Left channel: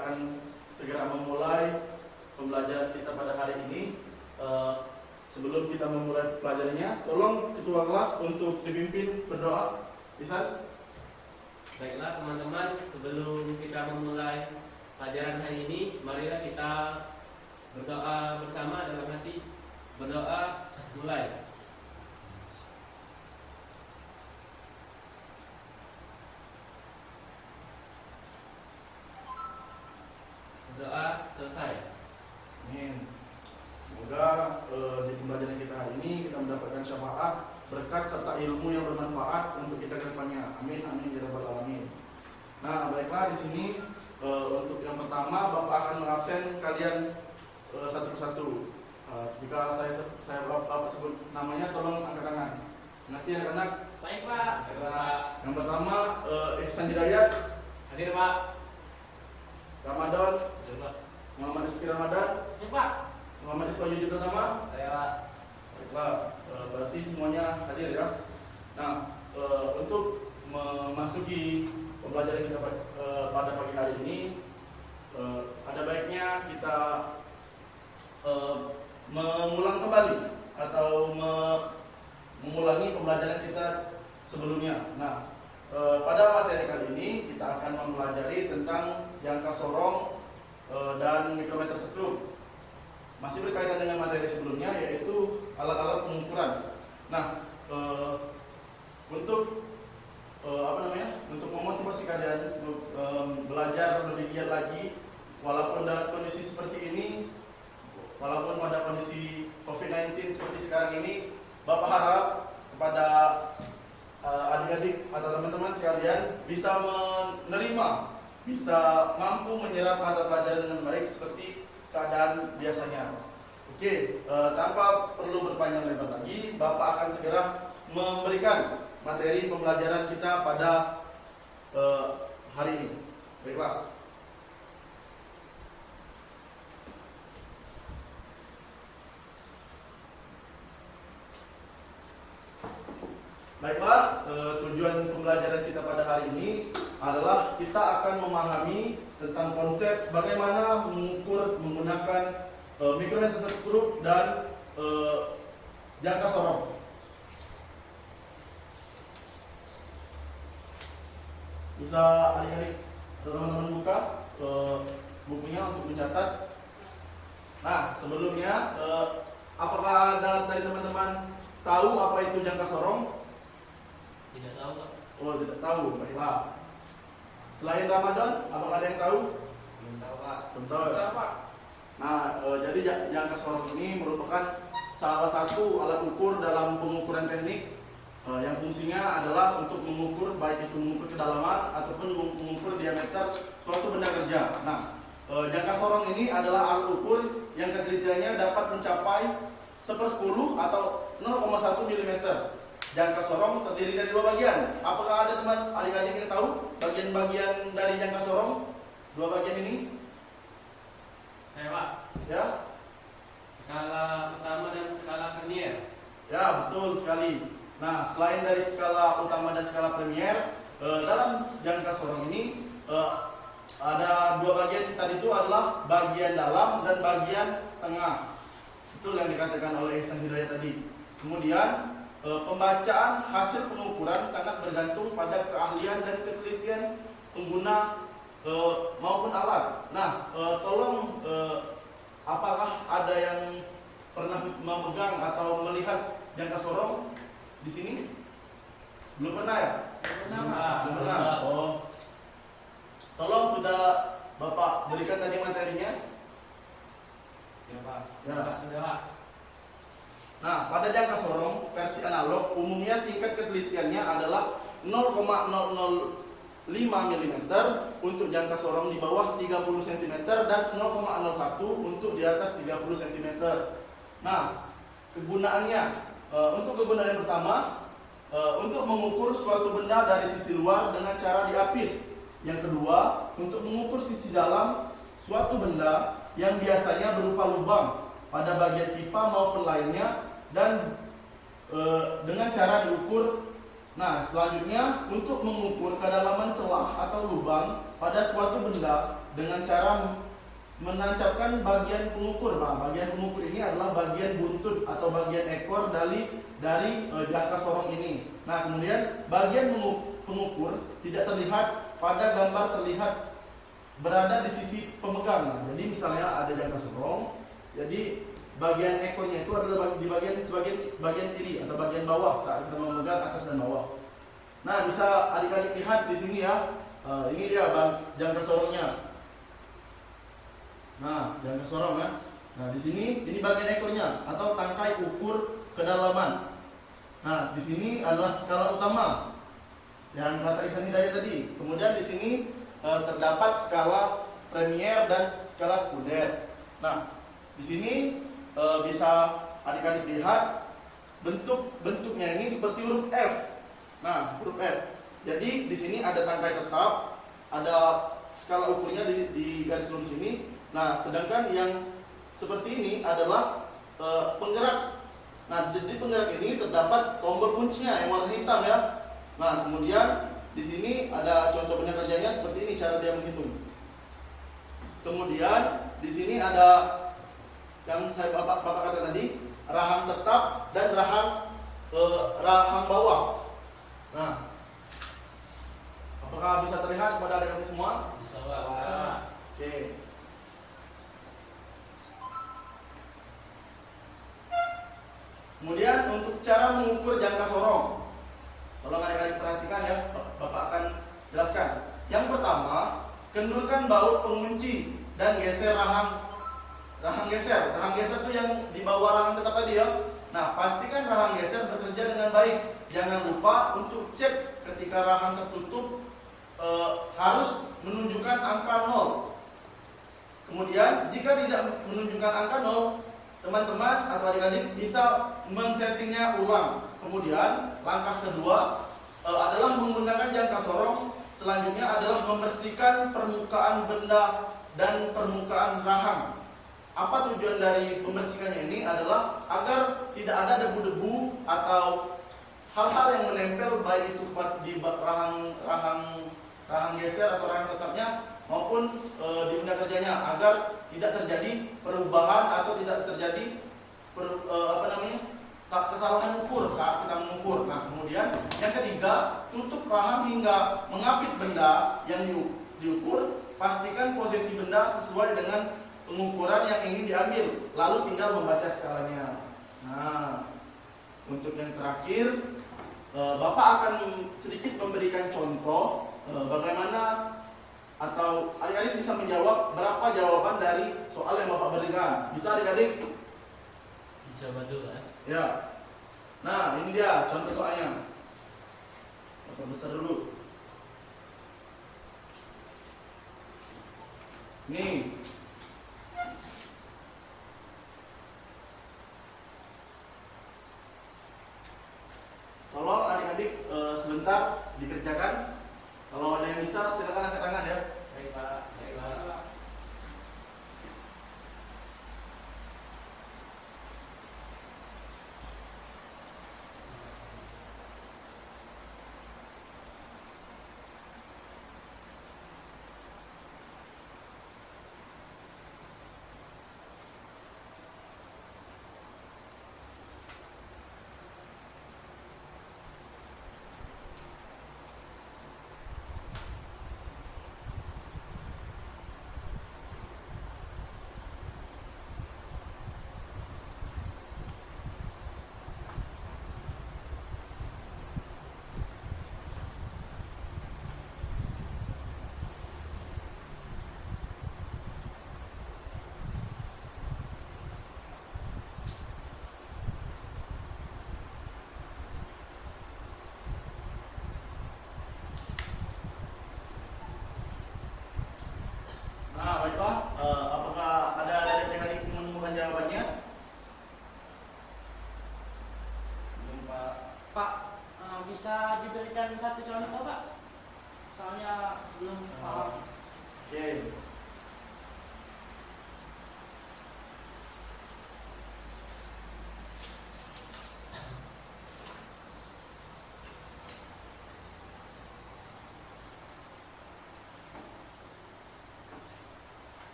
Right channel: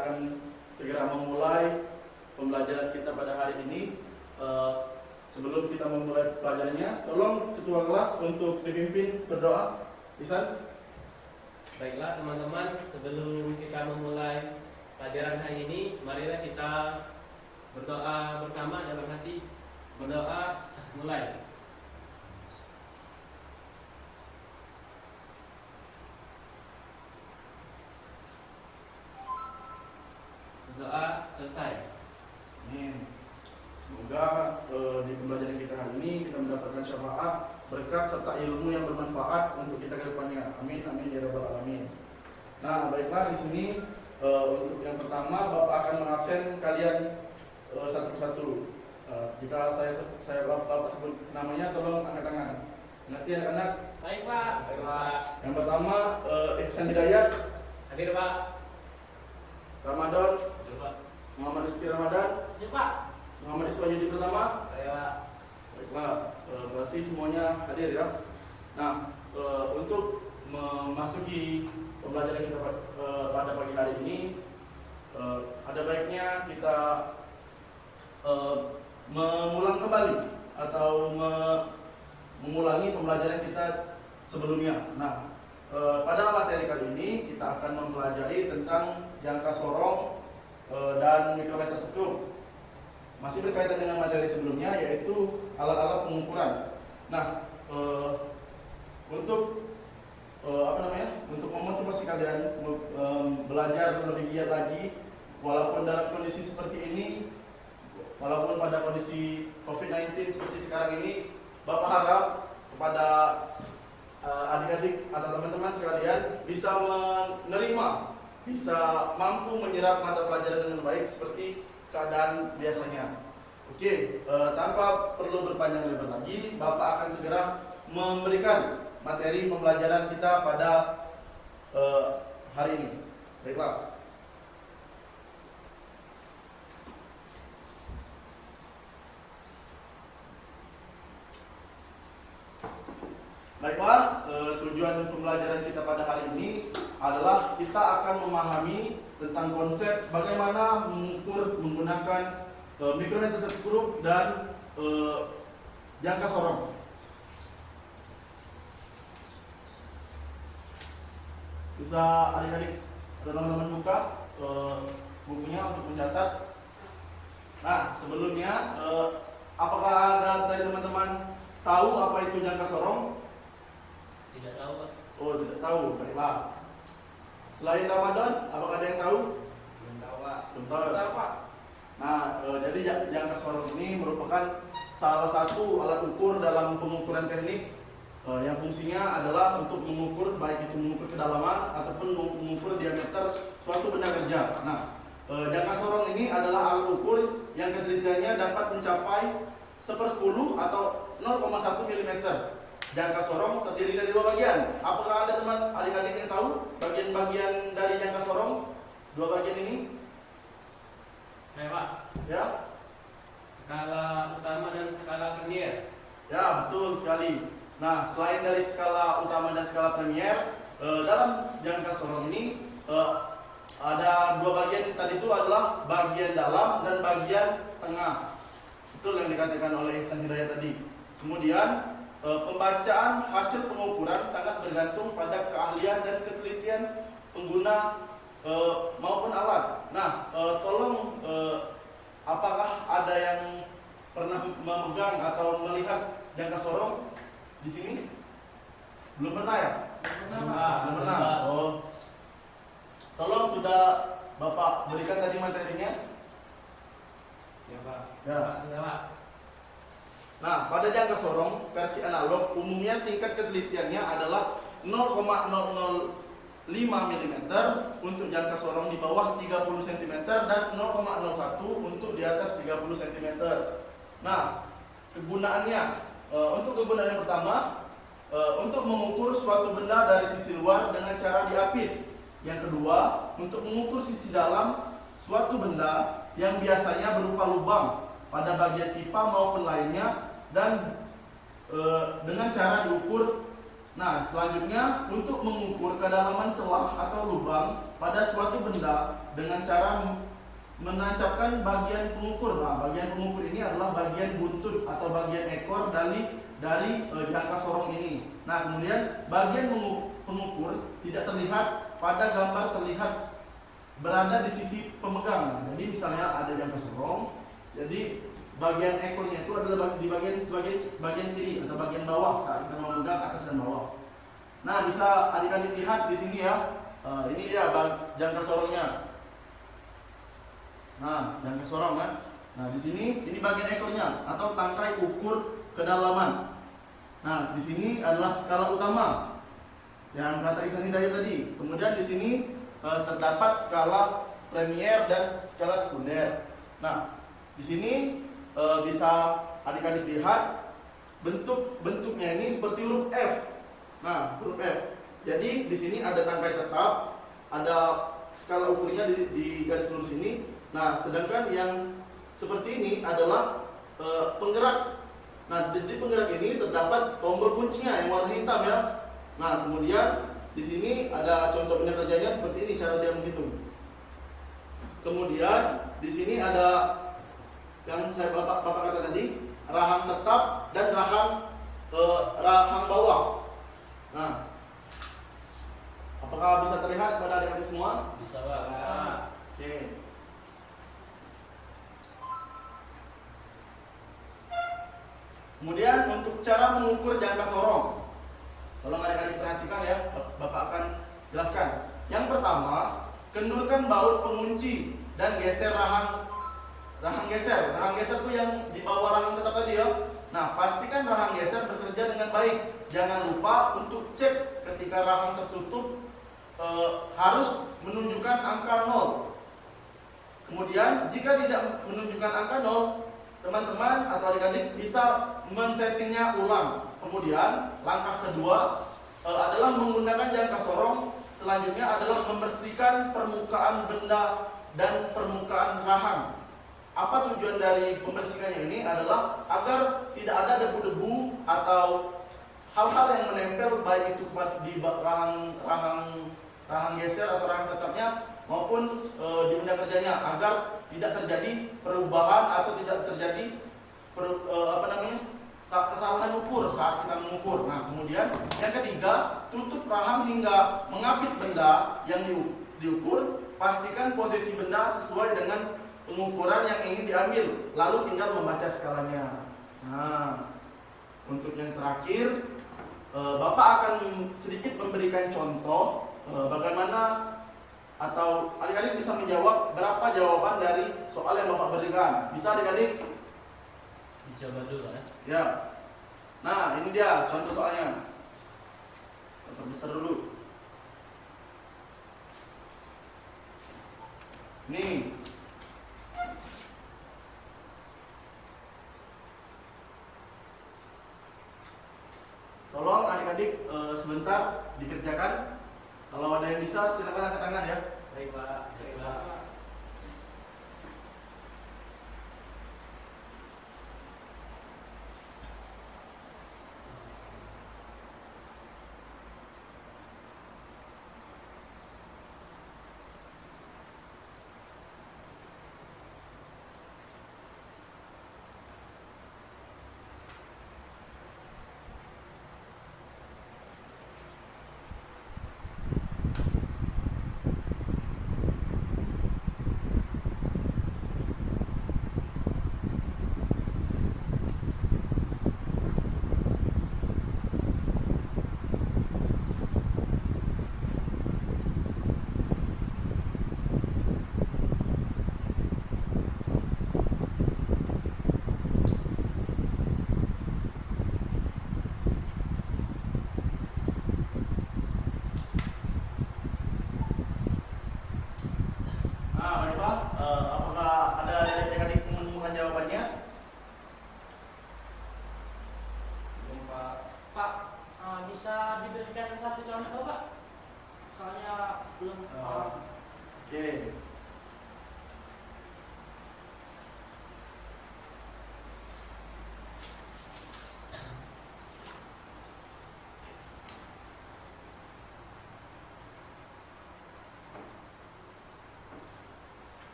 akan segera memulai pembelajaran kita pada hari ini. Sebelum kita memulai pelajarannya, tolong ketua kelas untuk dipimpin berdoa. Bisa? Baiklah teman-teman, sebelum kita memulai pelajaran hari ini, marilah kita berdoa bersama dalam hati. Berdoa, mulai. Berdoa, selesai. Amin. Semoga di pembelajaran kita hari ini kita mendapatkan syafaat, berkat serta ilmu yang bermanfaat untuk kita ke depannya. Amin, amin ya rabbal alamin. Nah, baiklah, di sini untuk yang pertama Bapak akan mengabsen kalian satu persatu. Jika saya Bapak sebut namanya, tolong angkat tangan. Nanti anak-anak. Baik Pak. Yang pertama Ihsan Hidayat. Hadir Pak. Ramadan. Hadir Pak. Muhammad Rizky Ramadan. Hadir Pak. Muhammad Iswayudi Pratama. Saya. Baiklah, berarti semuanya hadir ya. Nah, untuk memasuki pembelajaran kita pada pagi hari ini, ada baiknya kita mengulang kembali atau mengulangi pembelajaran kita sebelumnya. Nah, pada materi kali ini kita akan mempelajari tentang jangka sorong dan mikrometer sekrup. Masih berkaitan dengan materi sebelumnya, yaitu alat-alat pengukuran. Nah, untuk untuk memotivasi kalian belajar lebih giat lagi, walaupun dalam kondisi seperti ini, walaupun pada kondisi COVID-19 seperti sekarang ini, Bapak harap kepada adik-adik atau teman-teman sekalian bisa menerima, bisa mampu menyerap mata pelajaran dengan baik seperti keadaan biasanya. Oke, tanpa perlu berpanjang lebar lagi, Bapak akan segera memberikan materi pembelajaran kita pada hari ini. Baiklah. Baiklah, tujuan pembelajaran kita pada hari ini adalah kita akan memahami tentang konsep bagaimana mengukur menggunakan mikrometer sekrup dan jangka sorong. Bisa adik-adik teman-teman buka bukunya untuk mencatat. Nah, sebelumnya apakah ada dari teman-teman tahu apa itu jangka sorong? Tidak tahu Pak. Oh, tidak tahu. Baiklah. Selain Ramadan, apakah ada yang tahu? Belum tahu Pak. Belum tahu. Pak. Nah, jadi jangka sorong ini merupakan salah satu alat ukur dalam pengukuran teknik yang fungsinya adalah untuk mengukur, baik itu mengukur kedalaman ataupun mengukur diameter suatu benda kerja. Nah, jangka sorong ini adalah alat ukur yang ketelitiannya dapat mencapai 1/10 atau 0,1 mm. Jangka sorong terdiri dari dua bagian. Apakah ada teman adik-adik yang tahu bagian-bagian dari jangka sorong? Dua bagian ini? Saya Pak. Ya? Skala utama dan skala premier. Ya, betul sekali. Nah, selain dari skala utama dan skala premier, dalam jangka sorong ini ada dua bagian. Tadi itu adalah bagian dalam dan bagian tengah. Betul yang dikatakan oleh Ihsan Hidayat tadi. Kemudian pembacaan hasil pengukuran sangat bergantung pada keahlian dan ketelitian pengguna maupun alat. Nah, tolong apakah ada yang pernah memegang atau melihat jangka sorong di sini? Belum pernah ya? Belum pernah. Oh, tolong sudah Bapak berikan tadi materinya? Ya Pak. Ya. Sudah Pak. Nah, pada jangka sorong versi analog umumnya tingkat ketelitiannya adalah 0,005 mm untuk jangka sorong di bawah 30 cm dan 0,01 untuk di atas 30 cm. Nah, kegunaannya untuk kegunaan yang pertama untuk mengukur suatu benda dari sisi luar dengan cara diapit. Yang kedua, untuk mengukur sisi dalam suatu benda yang biasanya berupa lubang pada bagian pipa maupun lainnya, dan dengan cara diukur Nah, selanjutnya untuk mengukur kedalaman celah atau lubang pada suatu benda dengan cara menancapkan bagian pengukur. Nah, bagian pengukur ini adalah bagian buntut atau bagian ekor dari jangka sorong ini. Nah, kemudian bagian pengukur tidak terlihat pada gambar, terlihat berada di sisi pemegang. Nah, jadi misalnya ada jangka sorong, jadi bagian ekornya itu adalah di bagian kiri atau bagian bawah saat kita memegang atas dan bawah. Nah, bisa adik-adik lihat di sini ya. Ini dia jangka sorongnya. Nah, jangka sorong ya. Nah, di sini ini bagian ekornya atau tangkai ukur kedalaman. Nah, di sini adalah skala utama yang kata Ihsan Hidayat tadi. Kemudian di sini terdapat skala premier dan skala sekunder. Nah, di sini bisa adik-adik lihat bentuknya ini seperti huruf F. Nah, huruf F. Jadi di sini ada tangkai tetap, ada skala ukurnya di garis lurus ini. Nah, sedangkan yang seperti ini adalah penggerak. Nah, di penggerak ini terdapat tombol kuncinya yang warna hitam ya. Nah, kemudian di sini ada contoh benda kerjanya seperti ini cara dia menghitung. Kemudian di sini ada yang bapak katakan tadi, rahang tetap dan rahang bawah. Nah, apakah bisa terlihat pada adik-adik semua? Bisa, Pak. Oke. Kemudian untuk cara mengukur jangka sorong, tolong adik-adik perhatikan ya, bapak akan jelaskan. Yang pertama, kendurkan baut pengunci dan geser rahang geser. Rahang geser itu yang di bawah rahang tetap tadi ya. Nah, pastikan rahang geser bekerja dengan baik. Jangan lupa untuk cek ketika rahang tertutup harus menunjukkan angka 0. Kemudian jika tidak menunjukkan angka 0, teman-teman atau adik-adik bisa men-settingnya ulang. Kemudian langkah kedua adalah menggunakan jangka sorong. Selanjutnya adalah membersihkan permukaan benda dan permukaan rahang. Apa tujuan dari pembersihannya ini adalah agar tidak ada debu-debu atau hal-hal yang menempel baik itu di rahang geser atau rahang tetapnya maupun di benda kerjanya, agar tidak terjadi perubahan atau tidak terjadi kesalahan ukur saat kita mengukur. Nah, kemudian yang ketiga, tutup rahang hingga mengapit benda yang diukur. Pastikan posisi benda sesuai dengan pengukuran yang ingin diambil, lalu tinggal membaca skalanya. Nah, untuk yang terakhir, Bapak akan sedikit memberikan contoh bagaimana atau adik-adik bisa menjawab berapa jawaban dari soal yang Bapak berikan. Bisa adik-adik? Dicoba dulu ya. Ya. Nah, ini dia contoh soalnya. Bapak besar dulu. Nih. Tolong adik-adik sebentar dikerjakan. Kalau ada yang bisa silakan angkat tangan ya. Baik, Pak. Baik, Pak.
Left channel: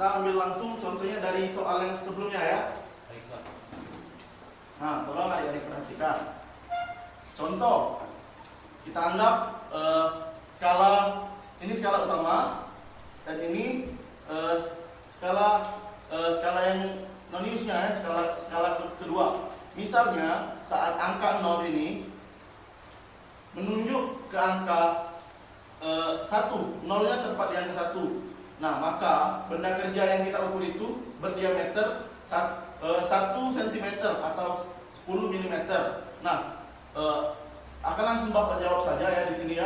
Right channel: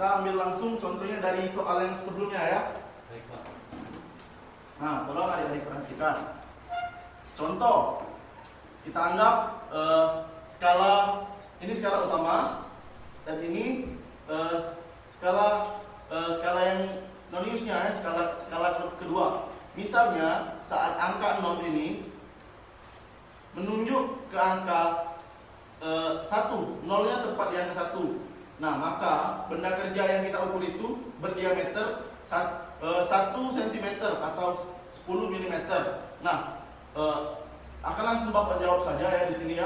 kita ambil langsung contohnya dari soal yang sebelumnya ya. Baik, Pak. Nah, tolong adik-adik perhatikan. Contoh, kita anggap ini skala utama dan ini skala yang non-use-nya, skala kedua. Misalnya saat angka 0 ini menunjuk ke angka 1, nolnya tepat di angka 1. Nah, maka benda kerja yang kita ukur itu berdiameter 1 cm atau 10 mm. Nah, akan langsung Bapak jawab saja ya di sini ya.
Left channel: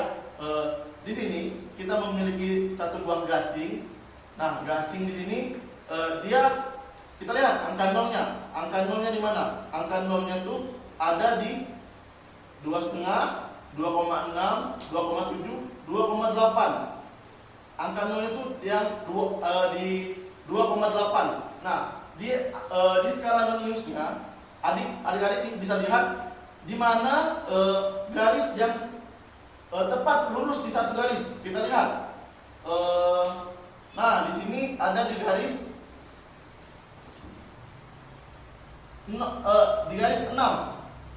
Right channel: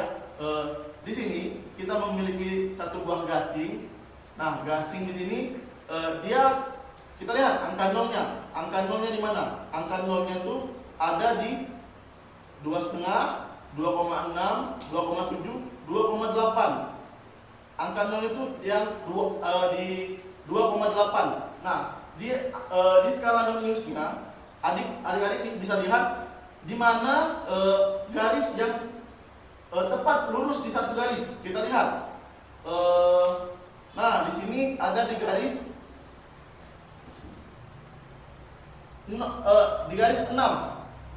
Di sini kita memiliki satu buah gasing. Nah, gasing di sini kita lihat angka nolnya. Angka nolnya di mana? Angka nolnya tuh ada di 2,5, 2,6, 2,7, 2,8. Angka nolnya itu yang di 2,8. Nah, di skala non-use-nya, adik-adik bisa lihat di mana garis yang tepat lurus di satu garis. Kita lihat. Nah, di sini ada di garis 6.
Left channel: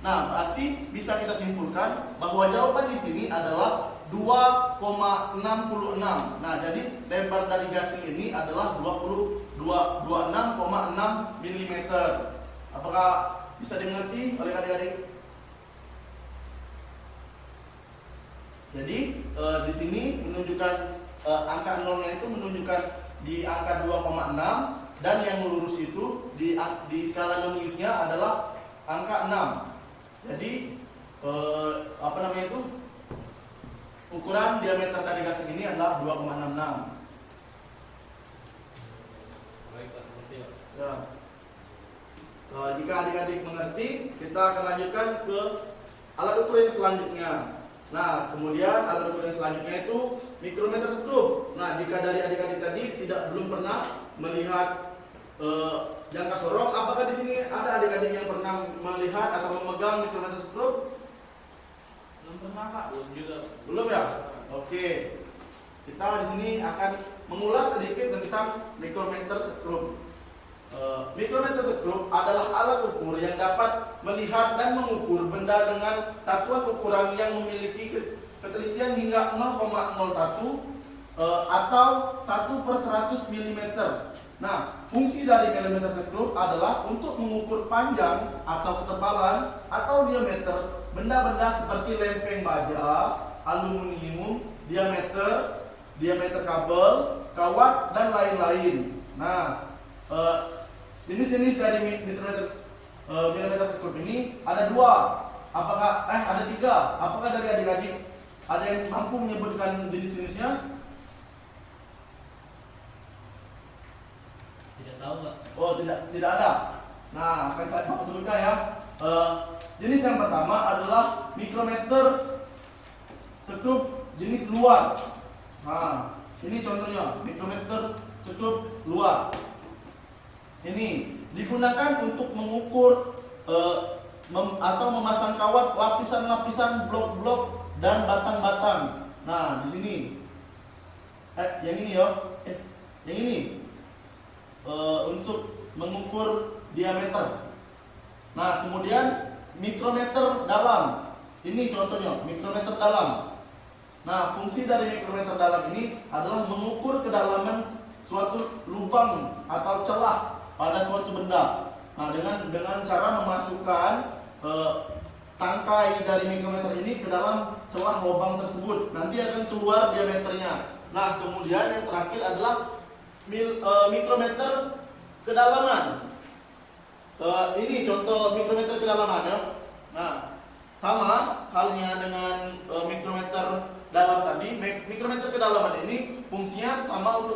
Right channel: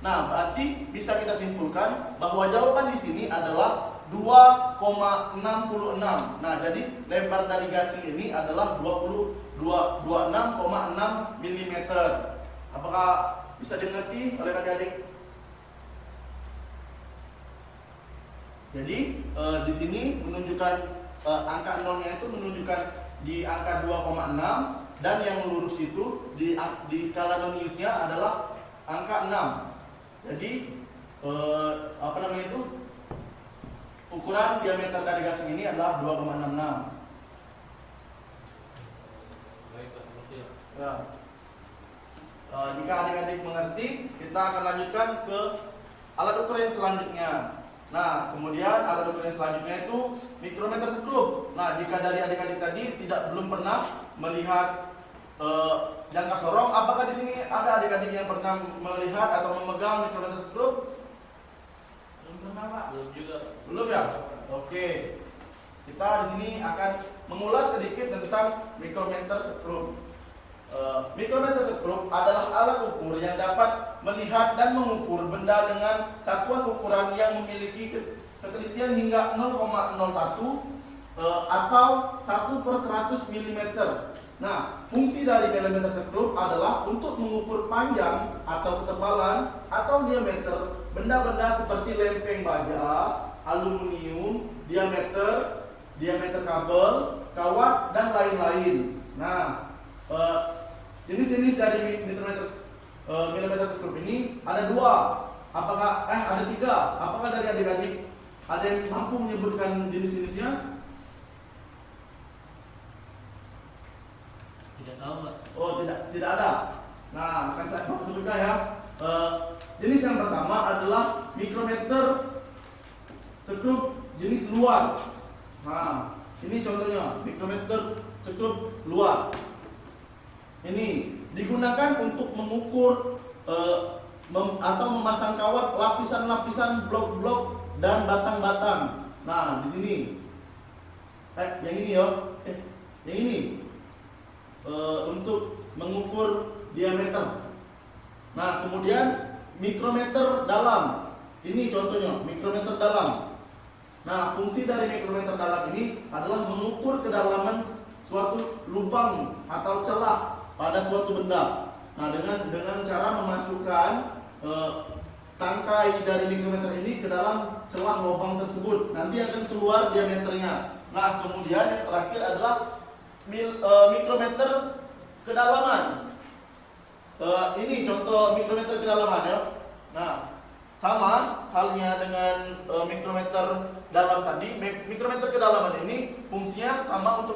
Nah, berarti bisa kita simpulkan bahwa jawaban di sini adalah 2,66. Nah, jadi lebar dari gasing ini adalah 26,6 mm. Apakah bisa dimengerti oleh adik-adik? Jadi di sini menunjukkan angka nolnya itu menunjukkan di angka 2,6 dan yang lurus itu di skala non-use-nya adalah angka 6. Jadi ukuran diameter dari gasing ini adalah 2,66. Baik, Pak. Mengerti, Pak. Ya. Jika adik-adik mengerti, kita akan lanjutkan ke alat ukur yang selanjutnya. Nah, kemudian alat ukur yang selanjutnya itu mikrometer skrup. Nah, jika dari adik-adik tadi belum pernah melihat jangka sorong, apakah di sini ada adik-adik yang pernah melihat atau memegang mikrometer skrup? Belum pernah, Pak. Belum juga, Pak. Belum ya? Oke. Kita di sini akan mengulas sedikit tentang mikrometer skrup. Mikrometer skrup adalah alat ukur yang dapat melihat dan mengukur benda dengan satuan ukuran yang memiliki ketelitian hingga 0,01 atau 1/100 mm. Nah, fungsi dari milimeter skrup adalah untuk mengukur panjang atau ketebalan atau diameter benda-benda seperti lempeng baja, aluminium, diameter kabel, kawat, dan lain-lain. Nah, jenis-jenis dari milimeter skrup ini ada 2. Ada 3. Apakah dari adik-adik ada yang mampu menyebutkan jenis-jenisnya? Tidak tahu, Pak. Oh, tidak ada. Nah, akan saya sebutkan ya. Jenis yang pertama adalah mikrometer skrup jenis luar. Nah, ini contohnya mikrometer skrup luar. Ini digunakan untuk mengukur atau memasang kawat lapisan-lapisan blok-blok dan batang-batang. Nah, di sini yang ini ya. Yang ini untuk mengukur diameter. Nah, kemudian mikrometer dalam. Ini contohnya mikrometer dalam. Nah, fungsi dari mikrometer dalam ini adalah mengukur kedalaman suatu lubang atau celah pada suatu benda. Nah, dengan cara memasukkan tangkai dari mikrometer ini ke dalam celah lubang tersebut, nanti akan keluar diameternya. Nah, kemudian yang terakhir adalah mikrometer kedalaman. Ini contoh mikrometer kedalaman ya. Nah, sama halnya dengan mikrometer dalam tadi. Mikrometer kedalaman ini fungsinya sama untuk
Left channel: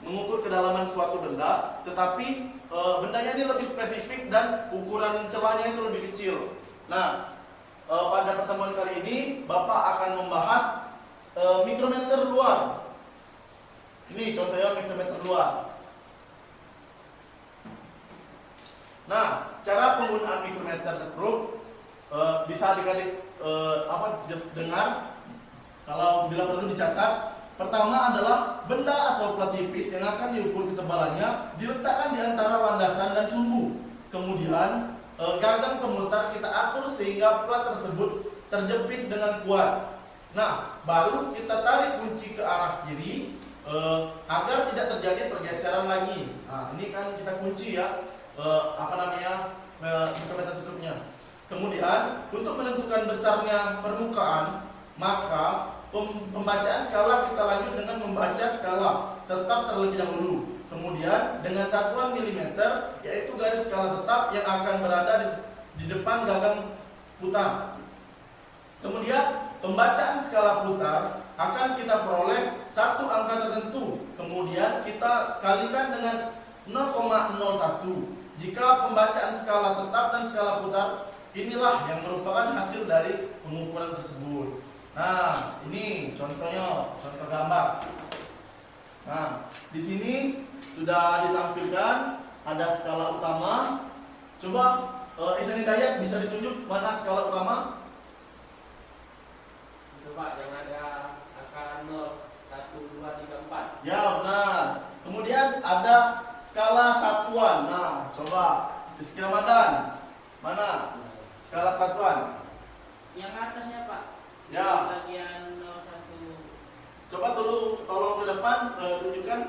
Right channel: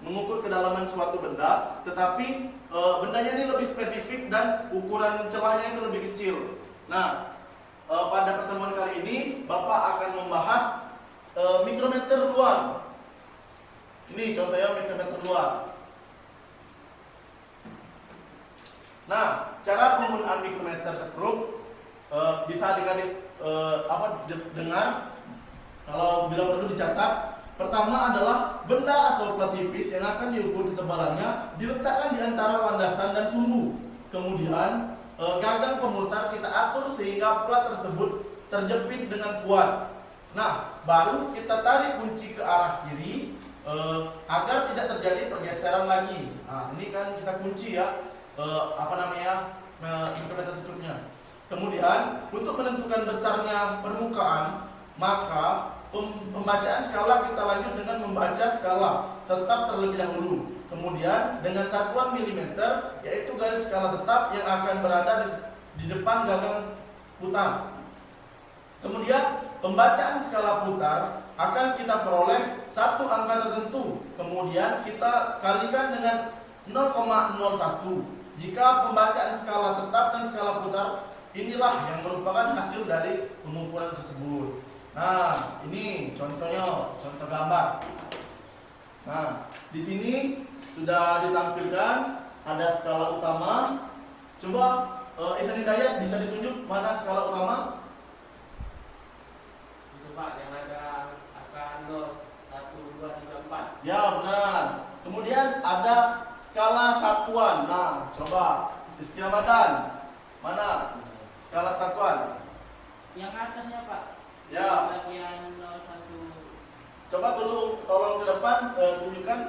mengukur kedalaman suatu benda, tetapi bendanya ini lebih spesifik dan ukuran celahnya itu lebih kecil. Nah, pada pertemuan kali ini Bapak akan membahas mikrometer luar. Ini contohnya mikrometer luar. Nah, cara penggunaan mikrometer skrup bisa adik-adik dengar. Kalau bila perlu dicatat, Pertama adalah benda atau plat tipis yang akan diukur ketebalannya diletakkan di antara landasan dan sumbu. Kemudian gagang pemutar kita atur sehingga plat tersebut terjepit dengan kuat. Nah, baru kita tarik kunci ke arah kiri agar tidak terjadi pergeseran lagi. Nah, ini kan kita kunci ya, micrometer security-nya. Kemudian untuk menentukan besarnya permukaan, maka pembacaan skala kita lanjut dengan membaca skala tetap terlebih dahulu. Kemudian dengan satuan milimeter, yaitu garis skala tetap yang akan berada di depan gagang putar. Kemudian pembacaan skala putar akan kita peroleh satu angka tertentu. Kemudian kita kalikan dengan 0,01. Jika pembacaan skala tetap dan skala putar, inilah yang merupakan hasil dari pengukuran tersebut. Nah, ini contohnya, contoh gambar. Nah, di sini sudah ditampilkan ada skala utama. Coba Ihsan Hidayat bisa ditunjuk mana skala utama? Itu Pak, yang ada angka 0, 1, 2, 3, 4. Ya, benar. Kemudian ada skala satuan. Nah, coba Rizky Ramadan. Mana skala satuan? Yang atasnya Pak. Ya. Bagian 01. Coba tolong ke depan tunjukkan.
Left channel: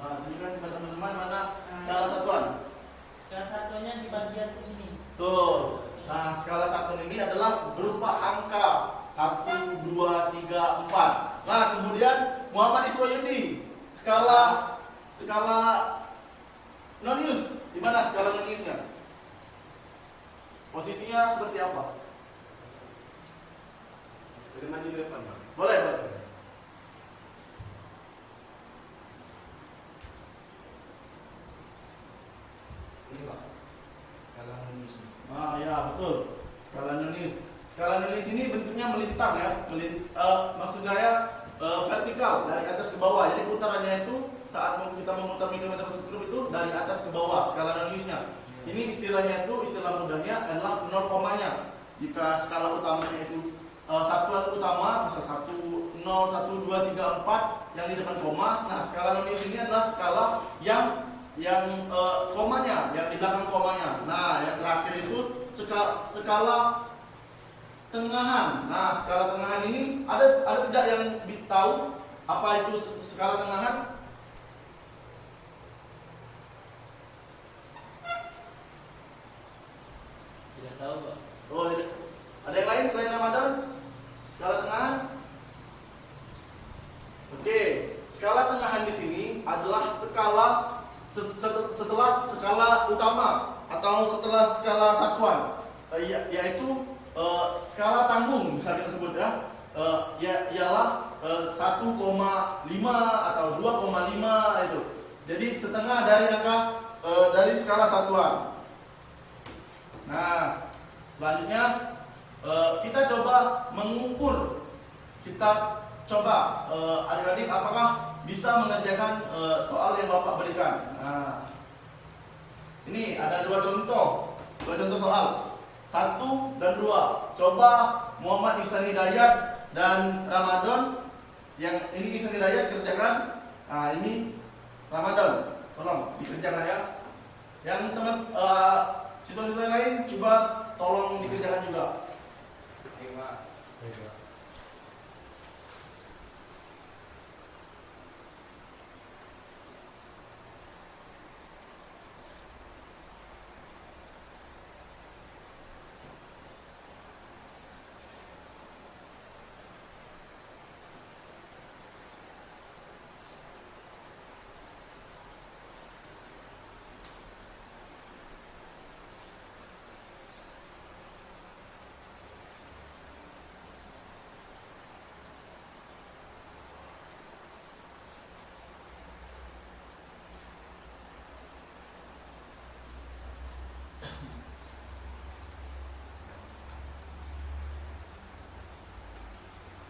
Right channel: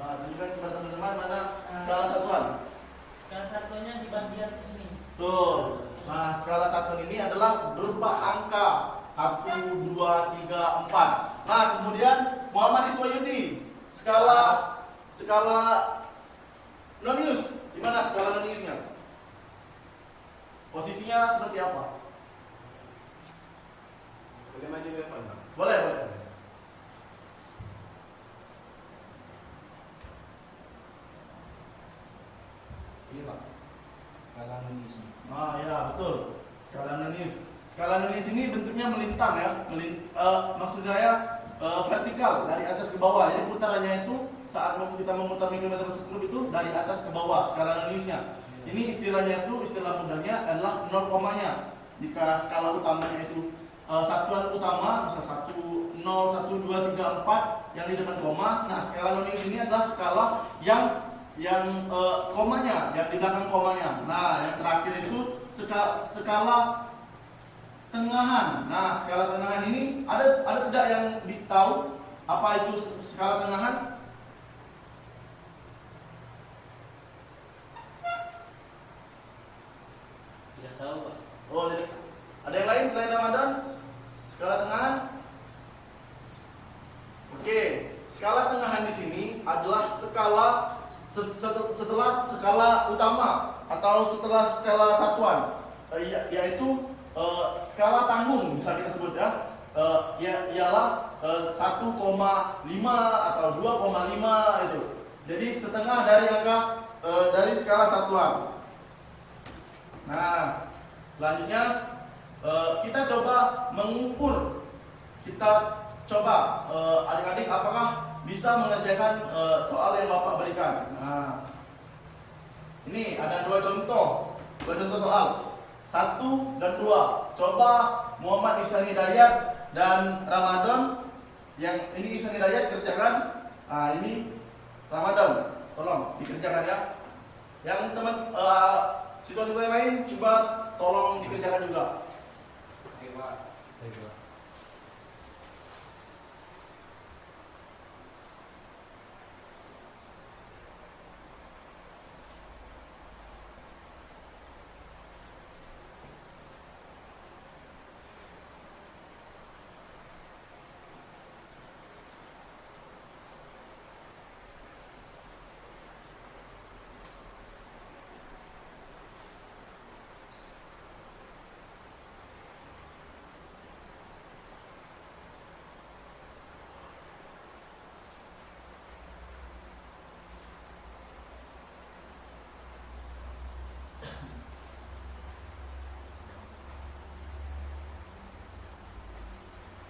Nah, tunjukkan kepada teman-teman mana skala satuan. Skala satuannya di bagian ke sini. Tuh. Nah, skala satuan ini adalah berupa angka 1, 2, 3, 4. Nah, kemudian Muhammad Iswayudi, skala nonius. Di mana skala noniusnya? Posisinya seperti apa? Boleh maju ke depan, Pak? Boleh, boleh. Ini Pak, skala nonius. Ah ya, betul. Skala nonius. Skala nonius ini bentuknya melintang ya. Maksud saya vertikal dari atas ke bawah. Jadi putarannya itu saat kita memutar mikrometer skrup itu dari atas ke bawah skala noniusnya. Ini istilahnya itu, istilah mudahnya adalah 0 komanya. Jika skala utamanya itu satuan utama, misal 1, 0, 1, 2, 3, 4 yang di depan koma. Nah, skala nonius ini adalah skala yang komanya, yang di belakang komanya. Nah, yang terakhir itu skala tengahan. Nah, skala tengahan ini ada tidak yang bisa tahu apa itu skala tengahan? Tidak tahu Pak. Oh, ada yang lain selain Ramadan? Skala tengahan? Oke, skala tengahan di sini adalah skala setelah skala utama atau setelah skala satuan, yaitu skala tanggung bisa kita sebut ya, ialah 1,5 atau 2,5 itu. Jadi setengah dari angka dari skala satuan. Nah, selanjutnya kita coba mengukur. Kita coba adik-adik apakah bisa mengerjakan soal yang Bapak berikan. Nah, ini ada dua contoh soal, 1 dan 2. Coba Muhammad Ihsan Hidayat dan Ramadan. Yang ini Ihsan Hidayat kerjakan. Nah, ini Ramadan. Tolong dikerjakan ya. Yang teman siswa-siswa yang lain coba tolong dikerjakan juga. Oke, Pak. Baik Pak.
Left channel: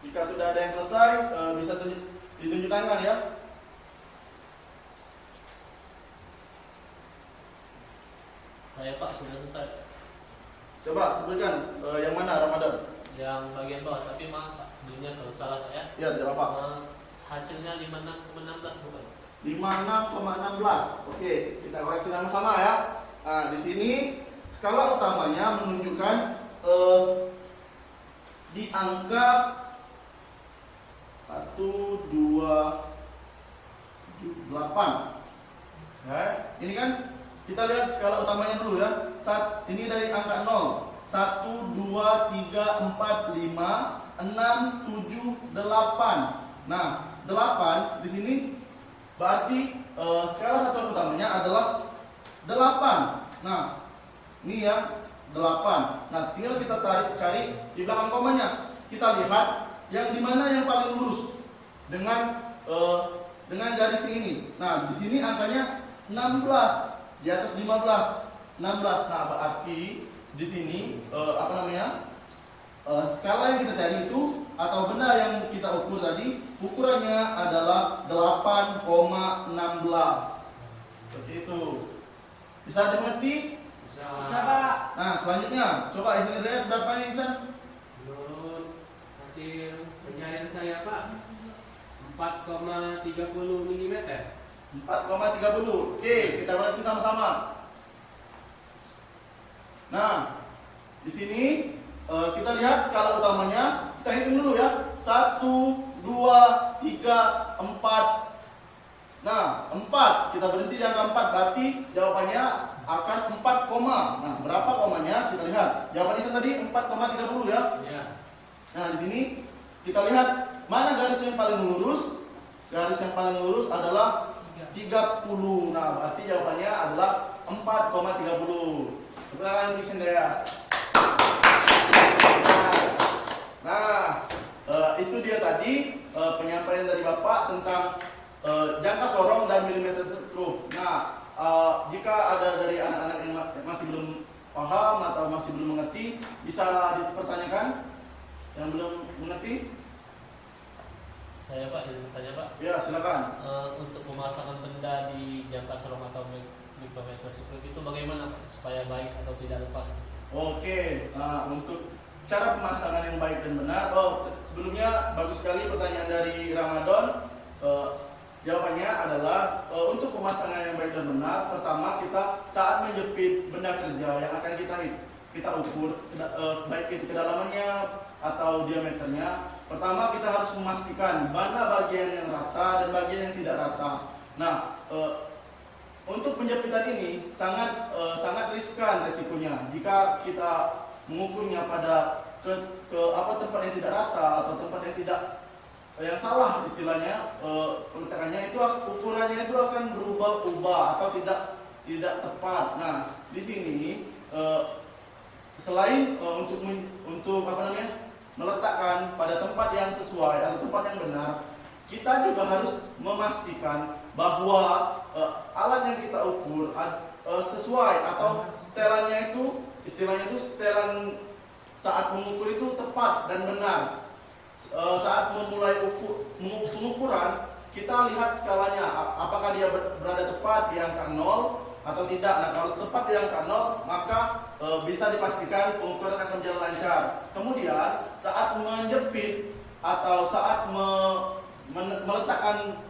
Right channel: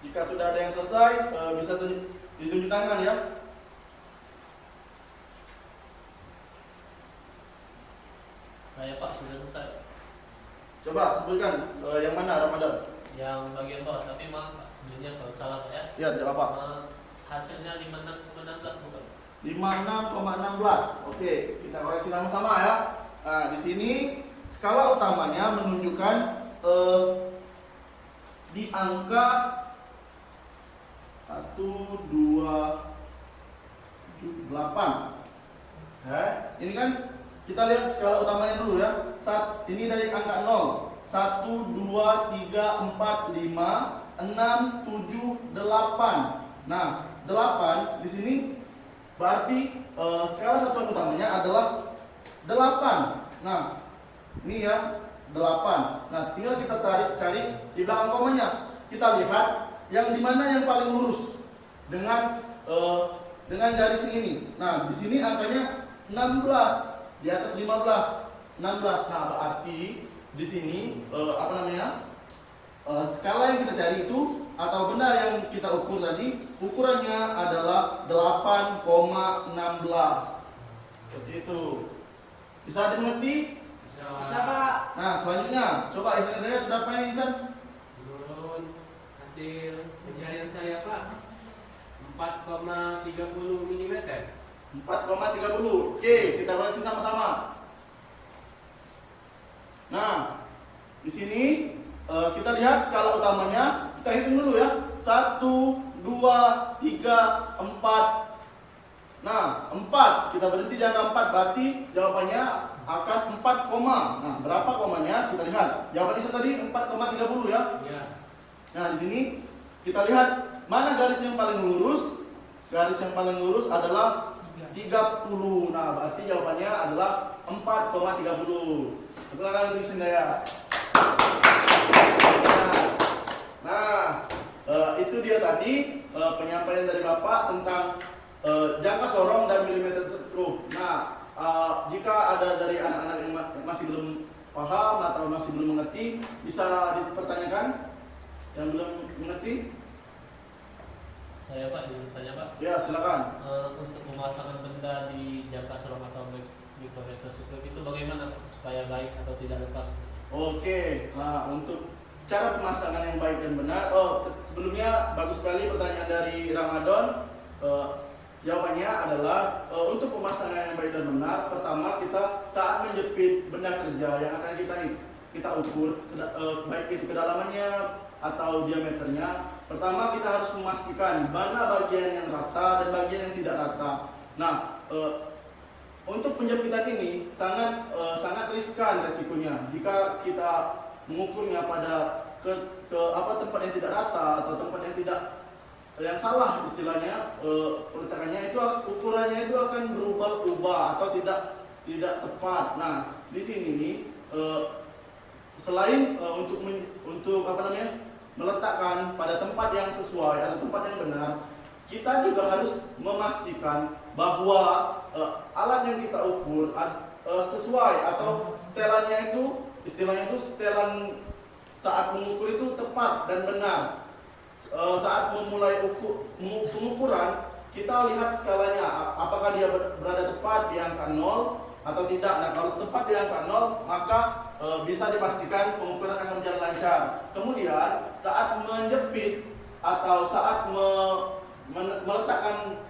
Jika sudah ada yang selesai, bisa ditunjuk tangan ya. Saya Pak sudah selesai. Coba sebutkan yang mana Ramadan. yang bagian bawah, tapi maaf Pak, sebelumnya kalau salah Pak ya. Ya, tidak apa. Hasilnya 56,16 bukan? 56,16. Oke, kita koreksi sama-sama ya. Nah, di sini skala utamanya menunjukkan di angka 1, 2, 7, 8. Ini kan kita lihat skala utamanya dulu ya. Ini dari angka 0. 1, 2, 3, 4, 5, 6, 7, 8. Nah, 8 di sini berarti skala satuan utamanya adalah 8. Nah, ini ya 8. Nah, tinggal kita cari di belakang komanya. Kita lihat yang dimana yang paling lurus dengan garis ini. Nah, di sini angkanya 16, di atas 15. 16. Nah, berarti di sini skala yang kita cari itu atau benda yang kita ukur tadi ukurannya adalah 8,16. Seperti itu. Bisa dimengerti? Bisa Pak. Nah, selanjutnya coba Ihsan lihat berapa ini Ihsan? Menurut hasil pencarian saya Pak, 4,30 mm. 4,30. Oke, kita koreksi sama-sama. Nah, di sini kita lihat skala utamanya. Kita hitung dulu ya. 1, 2, 3, 4. Nah, 4. Kita berhenti di angka 4. Berarti jawabannya akan 4, nah, berapa komanya? Kita lihat. Jawaban Ihsan tadi 4,30 ya. Iya. Nah, di sini kita lihat mana garis yang paling lurus. Garis yang paling lurus adalah 30. Nah, berarti jawabannya adalah 4,30. Tepuk tangan untuk Sindaya. Nah, itu dia tadi penyampaian dari Bapak tentang jangka sorong dan milimeter skrup. Nah, jika ada dari anak-anak yang masih belum paham atau masih belum mengerti, bisa dipertanyakan yang belum mengerti. Saya Pak, izin bertanya Pak. Ya, silakan. Untuk pemasangan benda di jangka sorong atau mikrometer skrup itu bagaimana Pak, supaya baik atau tidak lepas? Oke, nah untuk cara pemasangan yang baik dan benar. Sebelumnya bagus sekali pertanyaan dari Ramadan. Jawabannya adalah untuk pemasangan yang baik dan benar. Pertama, kita saat menjepit benda kerja yang akan kita ukur, baik itu kedalamannya atau diameternya. Pertama, kita harus memastikan mana bagian yang rata dan bagian yang tidak rata. Nah, untuk penjepitan ini sangat riskan resikonya jika kita mengukurnya pada tempat yang tidak rata atau tempat yang salah istilahnya, peletakannya itu ukurannya itu akan berubah-ubah atau tidak tepat. Nah, di sini selain untuk meletakkan pada tempat yang sesuai atau tempat yang benar, kita juga harus memastikan bahwa alat yang kita ukur sesuai atau setelannya itu istilahnya itu setelan saat mengukur itu tepat dan benar. Saat memulai pengukuran, kita lihat skalanya apakah dia berada tepat di angka 0 atau tidak. Nah, kalau tepat di angka 0, maka bisa dipastikan pengukuran akan berjalan lancar. Kemudian saat menjepit atau saat meletakkan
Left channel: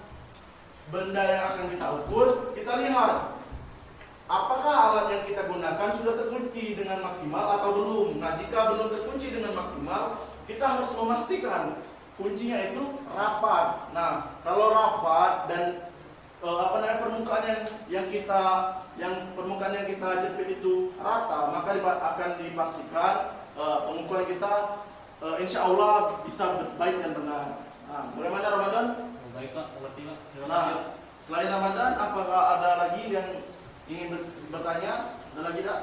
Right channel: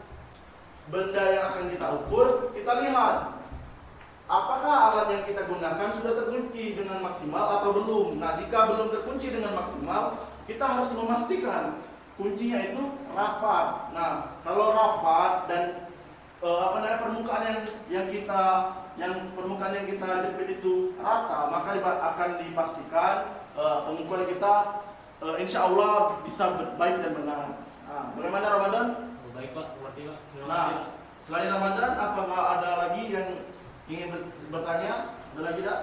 benda yang akan kita ukur, kita lihat apakah alat yang kita gunakan sudah terkunci dengan maksimal atau belum. Nah, jika belum terkunci dengan maksimal, kita harus memastikan kuncinya itu rapat. Nah, kalau rapat dan permukaan yang kita jepit itu rata, maka akan dipastikan pengukuran kita insya Allah bisa baik dan benar. Nah, bagaimana Ramadan? Baik Pak, mengerti Pak. Terima Nah, kasih. selain Ramadan, apakah ada lagi yang ingin bertanya? Ada lagi tak?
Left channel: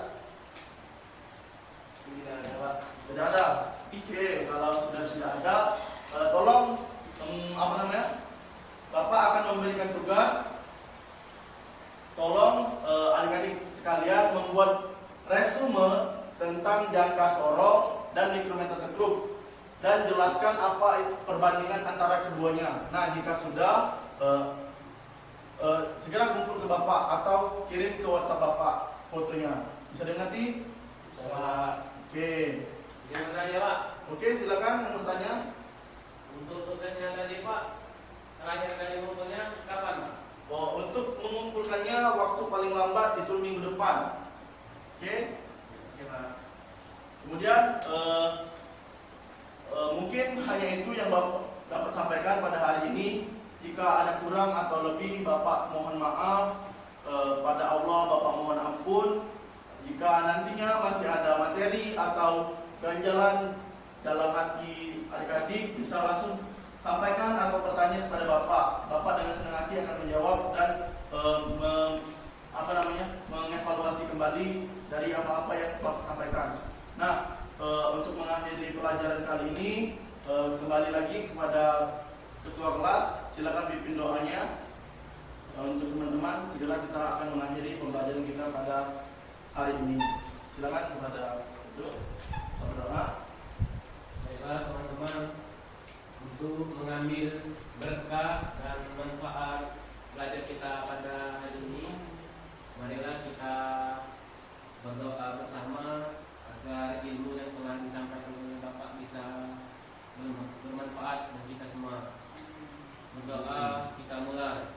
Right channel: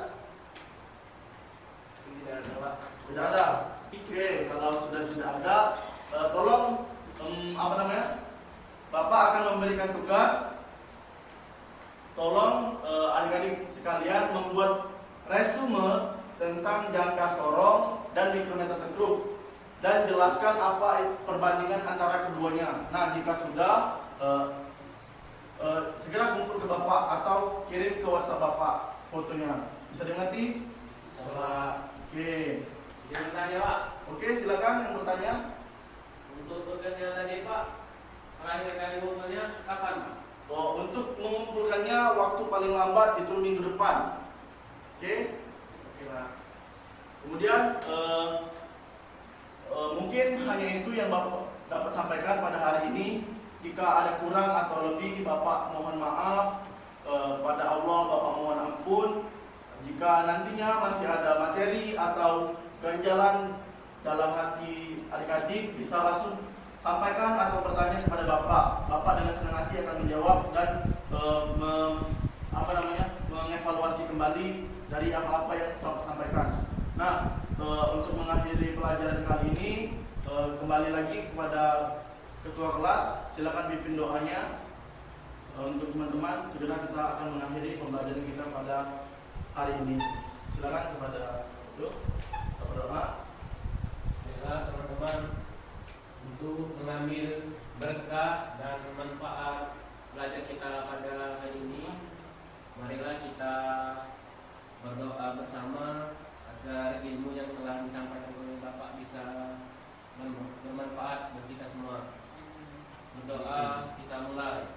Tidak ada Pak. Tidak ada. Oke, kalau sudah ada, tolong Bapak akan memberikan tugas. Tolong adik-adik sekalian membuat resume tentang jangka sorong dan mikrometer skrup dan jelaskan apa perbandingan antara keduanya. Nah, jika sudah segera kumpul ke Bapak atau kirim ke WhatsApp Bapak fotonya. Bisa dimengerti? Bisa Pak. Oke. Jangan tanya Pak. Oke, silakan yang bertanya. Untuk tugasnya tadi Pak, terakhir kali ngumpulnya kapan Pak? Oh, untuk mengumpulkannya waktu paling lambat itu minggu depan. Oke. Oke Pak. Kemudian mungkin hanya itu yang Bapak dapat sampaikan pada hari ini. Jika ada kurang atau lebih, Bapak mohon maaf. Pada Allah Bapak mohon ampun. Jika nantinya masih ada materi atau ganjalan dalam hati adik-adik, bisa langsung sampaikan atau bertanya kepada Bapak. Bapak dengan senang hati akan menjawab dan mengevaluasi kembali dari apa-apa yang Bapak sampaikan. Nah, untuk mengakhiri pelajaran kali ini, kembali lagi kepada ketua kelas, silakan pimpin doanya. Untuk teman-teman, segera kita akan mengakhiri pembelajaran kita pada hari ini. Silakan kepada itu berdoa. Baiklah teman-teman, untuk mengambil berkah dan manfaat belajar kita pada hari ini, marilah kita berdoa bersama agar ilmu yang telah disampaikan oleh Bapak bisa bermanfaat bagi kita semua. Berdoa, kita mulai.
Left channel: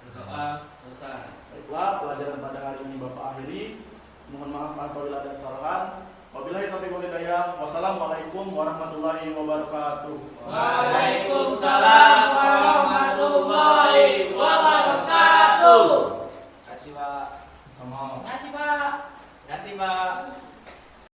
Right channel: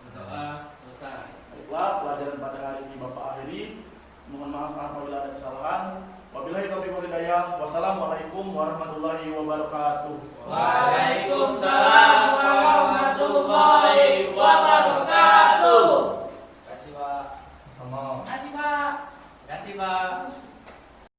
Berdoa selesai. Baiklah, pelajaran pada hari ini Bapak akhiri. Mohon maaf apabila ada kesalahan. Wabillahi taufiq wal hidayah. Wassalamualaikum warahmatullahi wabarakatuh. Waalaikumsalam warahmatullahi wabarakatuh. Kasih Pak. Sama. Kasih Pak. Terima kasih Pak.